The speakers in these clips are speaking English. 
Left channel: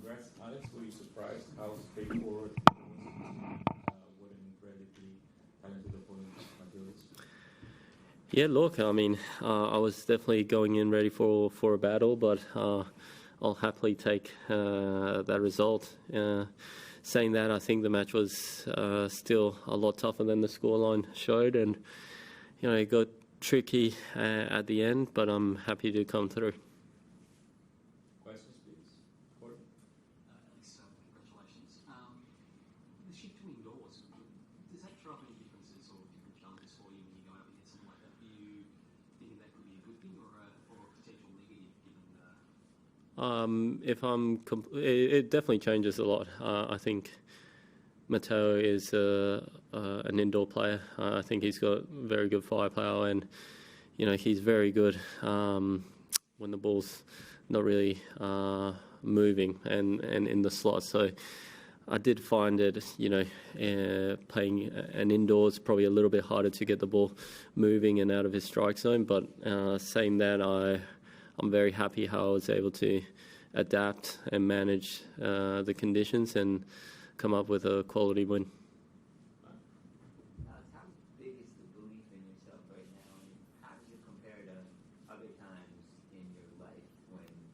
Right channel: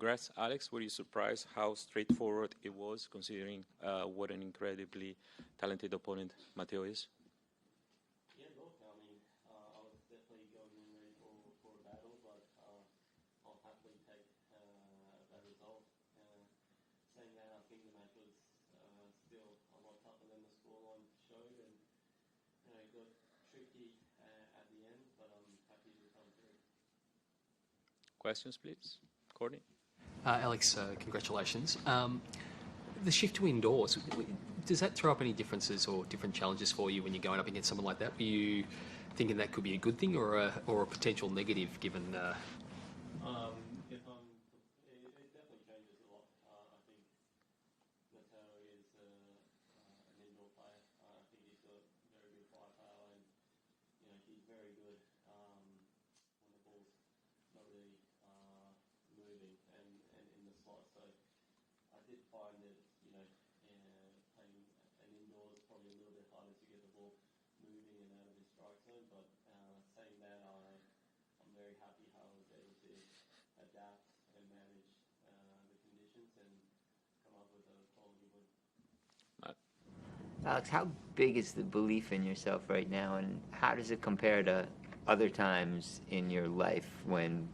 Congrats, Alex. Were you surprised how straightforward it was, considering what an incredibly talented opponent Matteo is? Yeah, look, I mean, I was definitely going in ready for a battle, but I'll happily take that result. Saying that, I think the match was still a lot tougher than the scoreline showed, and it got tricky at the end, but I'm happy to come through. Questions, please. Courtney? Alex, congratulations. The shift to indoors, does that throw up any differences or different challenges for you when you're going up against someone like that? Were you thinking that could be a good thing or a potential negative given... It definitely changes a lot. I think Matteo is an indoor player. I think he's got very good firepower, and he's very good when the ball's not really moving and in the slot. So I did find it, playing an indoors probably a little bit harder to get the ball moving and out of his strike zone. But saying that, I'm very happy how I was able to adapt and manage the conditions and come up with a quality win. Alex, how big is the belief in yourself right now, and how does it compare to other times in your life when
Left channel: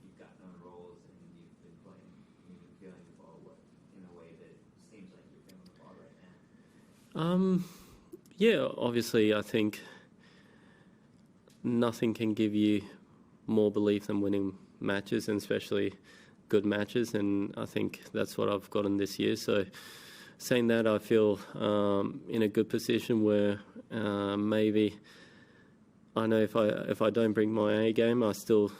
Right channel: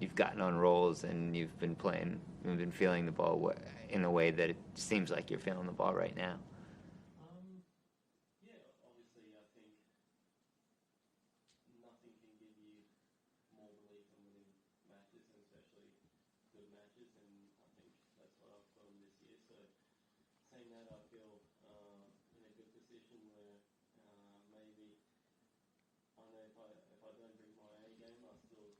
you've gotten on rolls and you've been playing, you've been feeling the ball in a way that it seems like you're feeling the ball right now? Yeah, obviously I think nothing can give you more belief than winning matches, and especially good matches, and I think that's what I've gotten this year. So saying that, I feel in a good position where maybe I know if I don't bring my A game, I still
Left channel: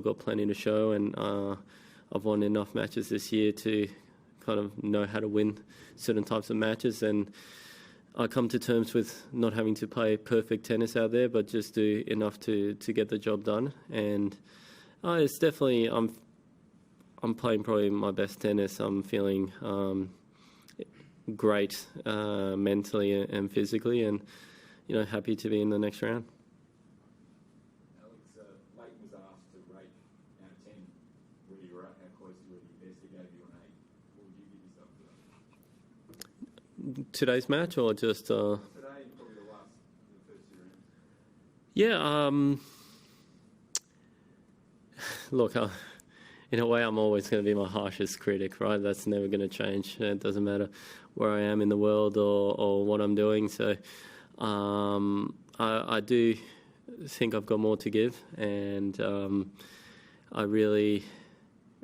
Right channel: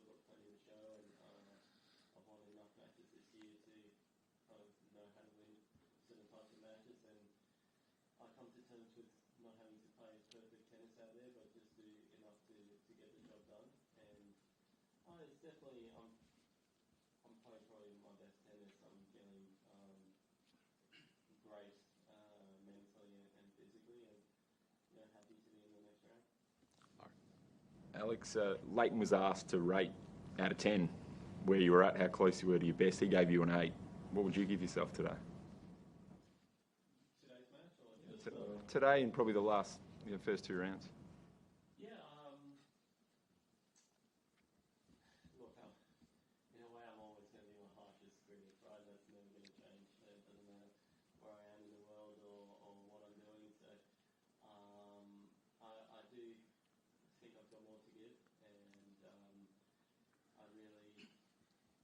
got plenty to show, and I've won enough matches this year to kind of know how to win certain types of matches, and I come to terms with not having to play perfect tennis out there, but just do enough to get the job done. And it's definitely I'm playing probably my best tennis. I'm feeling great mentally and physically, and happy to be in the next round. Alex, Leighton was asked to rate out of 10 where you were at, how close you were to your best. He gave you an 8. What would you give yourself today? Today's match, or just today and probably the first 2 rounds? Yeah. Look, in a way, I'm always going to be my harshest critic, right? That's never going to change. It doesn't matter where I am in the world or what I'm doing. So I do think I've got more to give, and I really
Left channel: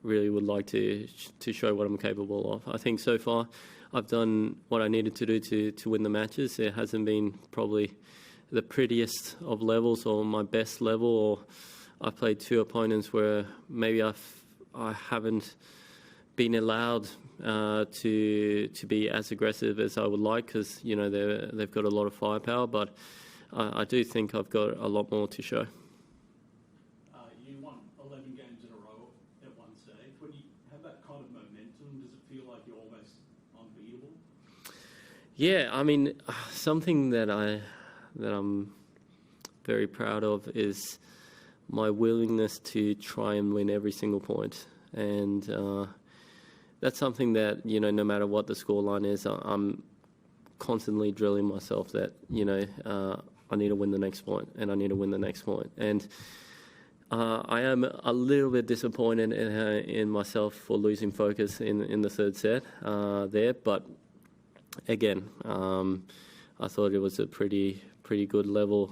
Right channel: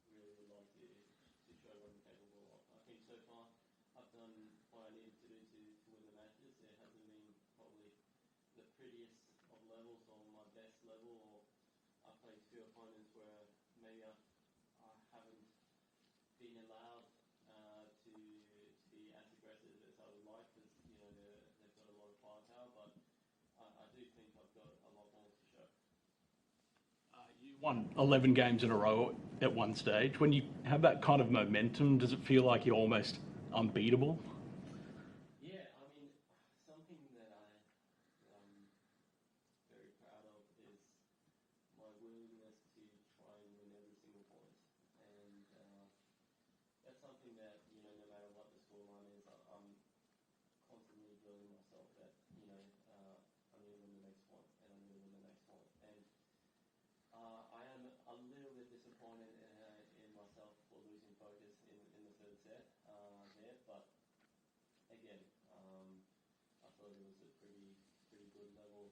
would like to show what I'm capable of. I think so far I've done what I needed to do to win the matches. It hasn't been probably the prettiest of levels or my best level, or I've played 2 opponents where maybe I haven't been allowed to be as aggressive as I would like, because they've got a lot of firepower, but I do think I've got a lot more to show. You won 11 games in a row at one stage. When you have that kind of momentum, does it feel like you're almost unbeatable? Yeah, I mean, something that I'm very proud of is my willingness to try and win every single point, and that's something that no matter what the scoreline is, I'm constantly drilling myself that I need to win the next point, and I need to win the next point, and I am a little bit disappointed in myself for losing focus in the third set there, but again, I thought it was a pretty good level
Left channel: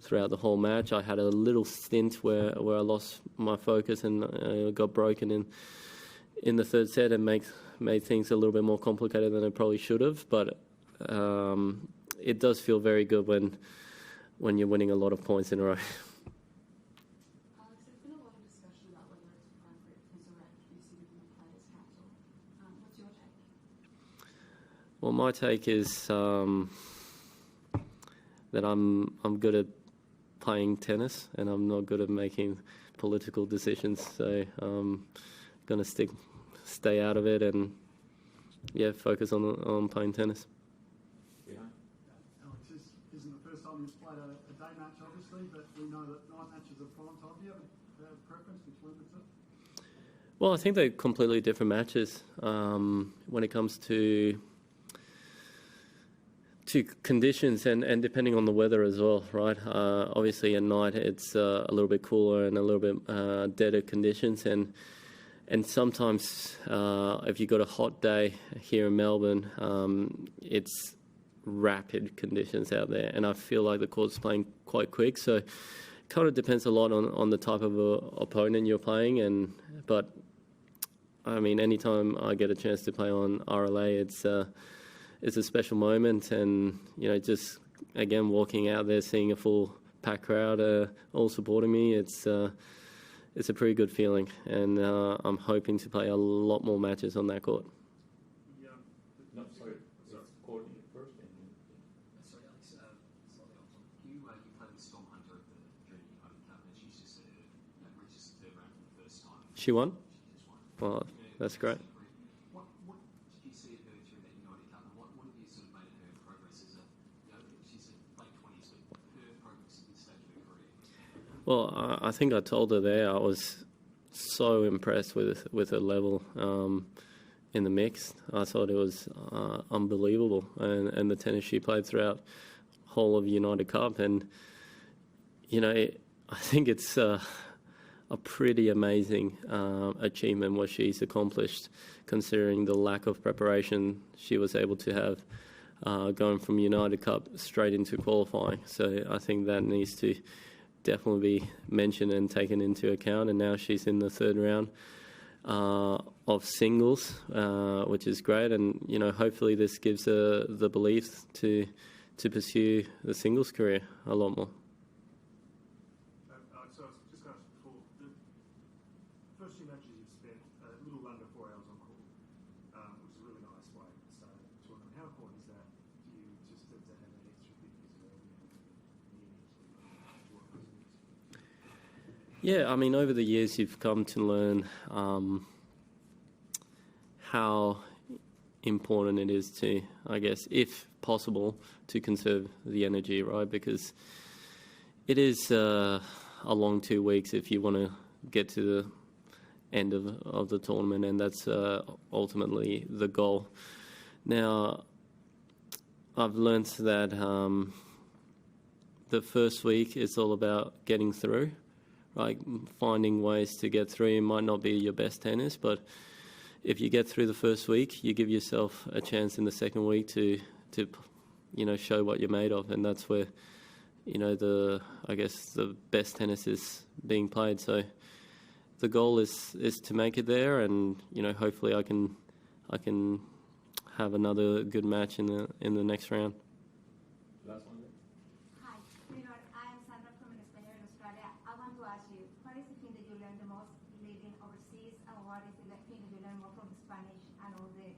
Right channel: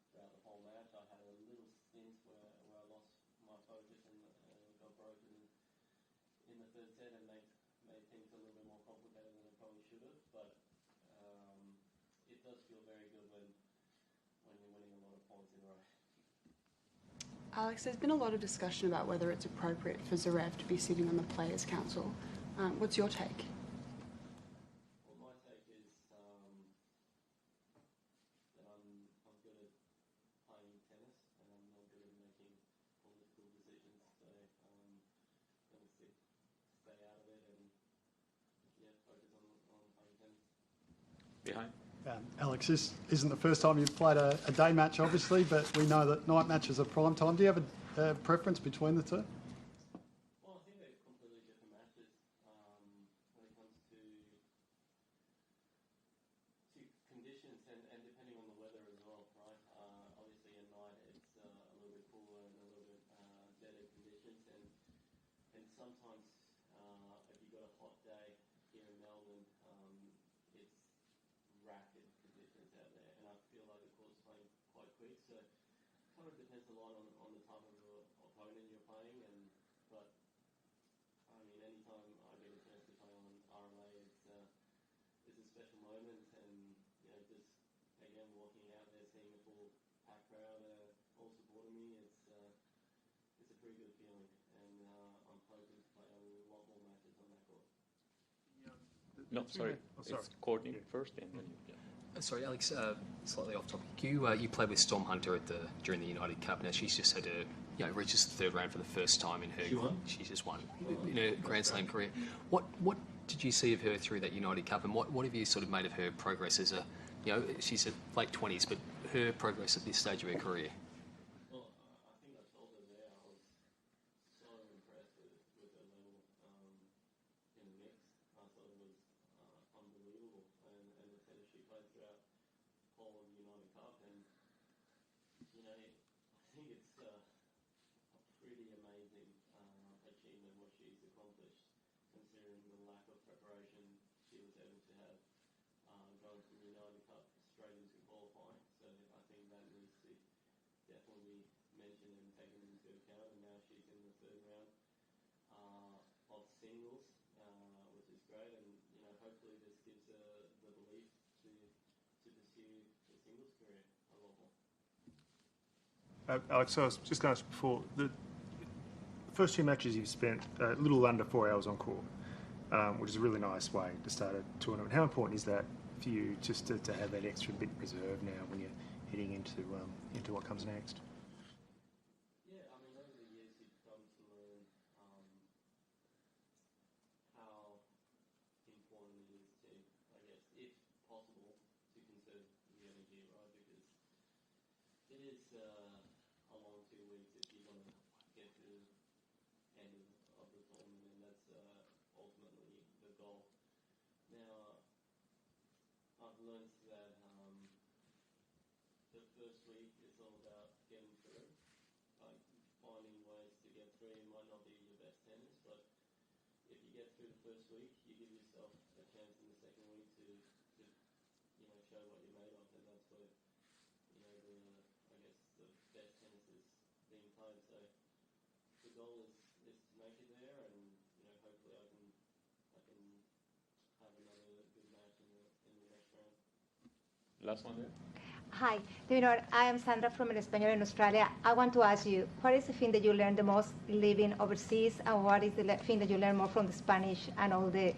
throughout the whole match. I had a little stint where I lost my focus and got broken in the third set and made things a little bit more complicated than it probably should have, but it does feel very good when you're winning a lot of points in a row. Alex, there's been a lot of discussion about whether it's appropriate for Zverev to be sitting on the Players' Council. What's your take? Well, my take is that I'm good at playing tennis, and I'm not good at making political decisions. So I'm going to stay out of it and focus on playing tennis. Behind. Alex, this isn't the first time you've played a day match, obviously, but we know that night matches are prime time. Do you have a preference between the two? Well, I think they're completely different matches when it comes to conditions and depending on the weather as well, right? Obviously, at night it's a little bit cooler and a little bit deader conditions, and sometimes if you've got a hot day here in Melbourne, it's rapid conditions out there, and I feel like the court's playing quite quick, so it kind of depends a lot on the type of opponent you're playing, but I mean, anytime I get a chance to play on RLA, it's a special moment, and just again walking out there, seeing a full packed crowd all supporting me, it's a pretty good feeling, and I'm hoping to play a lot more matches on that court. No, sorry. It's Courtney first, and then. Sorry, Alex. Slightly off topic. You played with Storm Hunter during the United Cup. Now she's just had reaches the third round for the first time in her. She won? She just won Well, in her that's Grand great. Slam career. What did you see of her through that United Cup, and what have you sort of made of her progress as she's at late 20s, but her progress at this stage of her career? Well, I think I told her there I was so impressed with her level in the mixed. I thought it was unbelievable, and the tennis she played throughout whole of United Cup, and I think it's a pretty amazing achievement what she's accomplished, considering the lack of preparation she was able to have going from United Cup straight into qualifying. So I think that needs to definitely be mentioned and taken into account. And now she's in the third round of singles, which is great. And hopefully this gives her the belief to pursue the singles career a lot more. Alex, I was just going to ask before, the first two matches you've spent a little under 4 hours on court, which is a really nice way to start a tournament. How important is that for you just to have that extra bit reserved now when you're heading into what comes next? Yeah, I mean, over the years you've come to learn how important it is to, I guess, if possible, to conserve the energy, right? Because it is a long 2 weeks if you want to get to the end of the tournament, and that's ultimately the goal. Now, I've learned that the first week is all about getting through, right? Finding ways to get through. It might not be your best tennis, but if you get through the first week, you give yourself a chance in the second week to show what you're made of, and that's where the best tennis is being played. So the goal is to make it there, and hopefully I can have another good match in the next round. Last one there. Hi, I am Sandra from El Español in Australia. I want to ask you, what is the thing that you learn the most living overseas, and what is the thing that you learn more from the Spanish and all this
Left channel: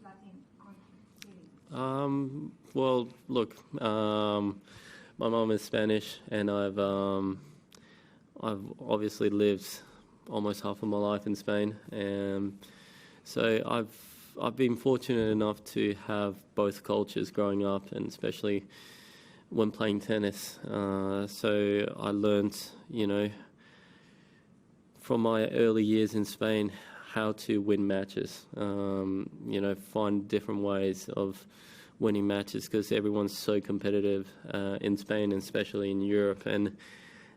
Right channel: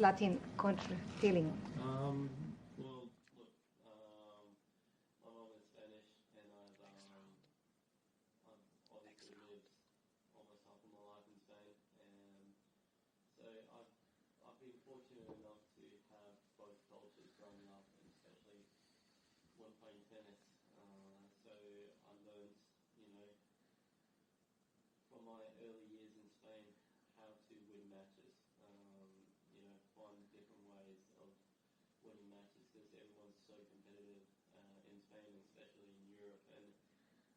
Latin country feeling? Well, look, my mum is Spanish, and I've obviously lived almost half of my life in Spain, so I've been fortunate enough to have both cultures growing up, and especially when playing tennis. So I learned, from my early years in Spain, how to win matches, find different ways of winning matches, because everyone's so competitive in Spain, and especially in Europe. And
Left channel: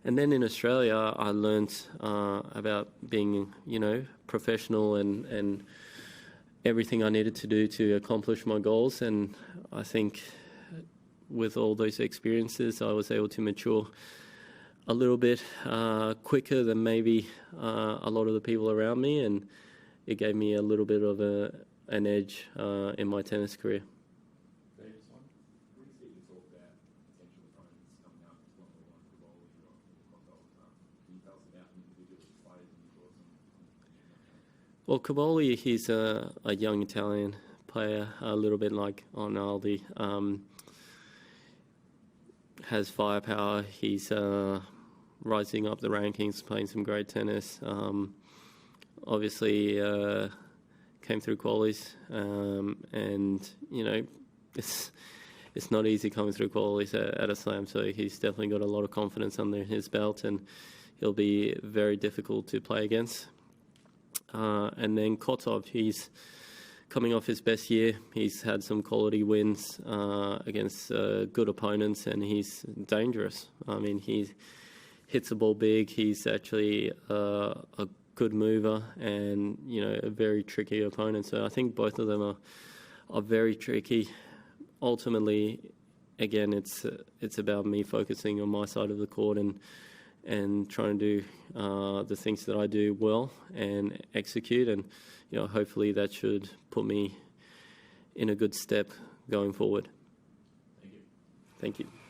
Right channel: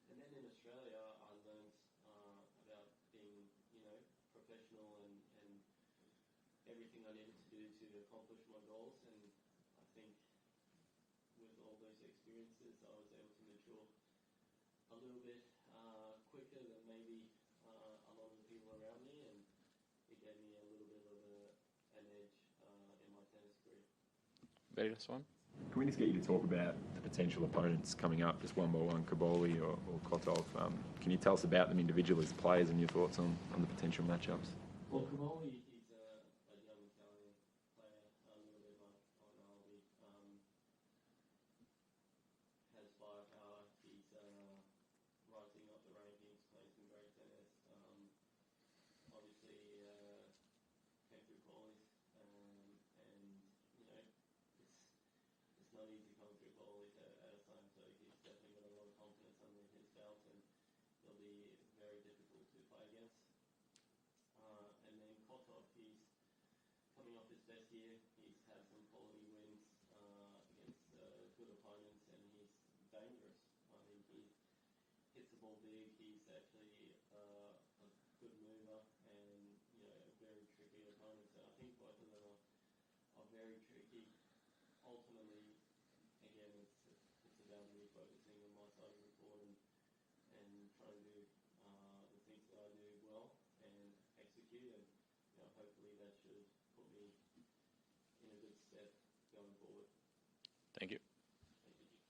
then in Australia, I learned about being, professional and everything I needed to do to accomplish my goals. And I think with all those experiences, I was able to mature a little bit quicker than maybe a lot of the people around me, and it gave me a little bit of an edge in my tennis career. Very last one. Can we just get you to talk about the potential opponents coming up, just one by one, Kaboli or Kotov? Can you tell us about them individually as players and your thoughts on the potential matchups? Well, Kaboli, he's a young Italian player, a little bit like Arnaldi. Has firepower. He's rising up the rankings, playing some great tennis. Obviously, came through qualies, and it's not easy coming through qualies at a slam. So he's definitely got a lot of confidence under his belt, and he'll be very difficult to play against. And then Kotov, he's coming off his best year. He's had some quality wins against good opponents, and he's dangerous. I mean, he hits the ball big. He's actually a good mover, and a very tricky opponent. So I think both of them are very tricky. Ultimately, again, it's about me focusing on my side of the court and trying to do the things that I do well and execute, and hopefully that should put me in a good step going forward. Thank you. Thank you.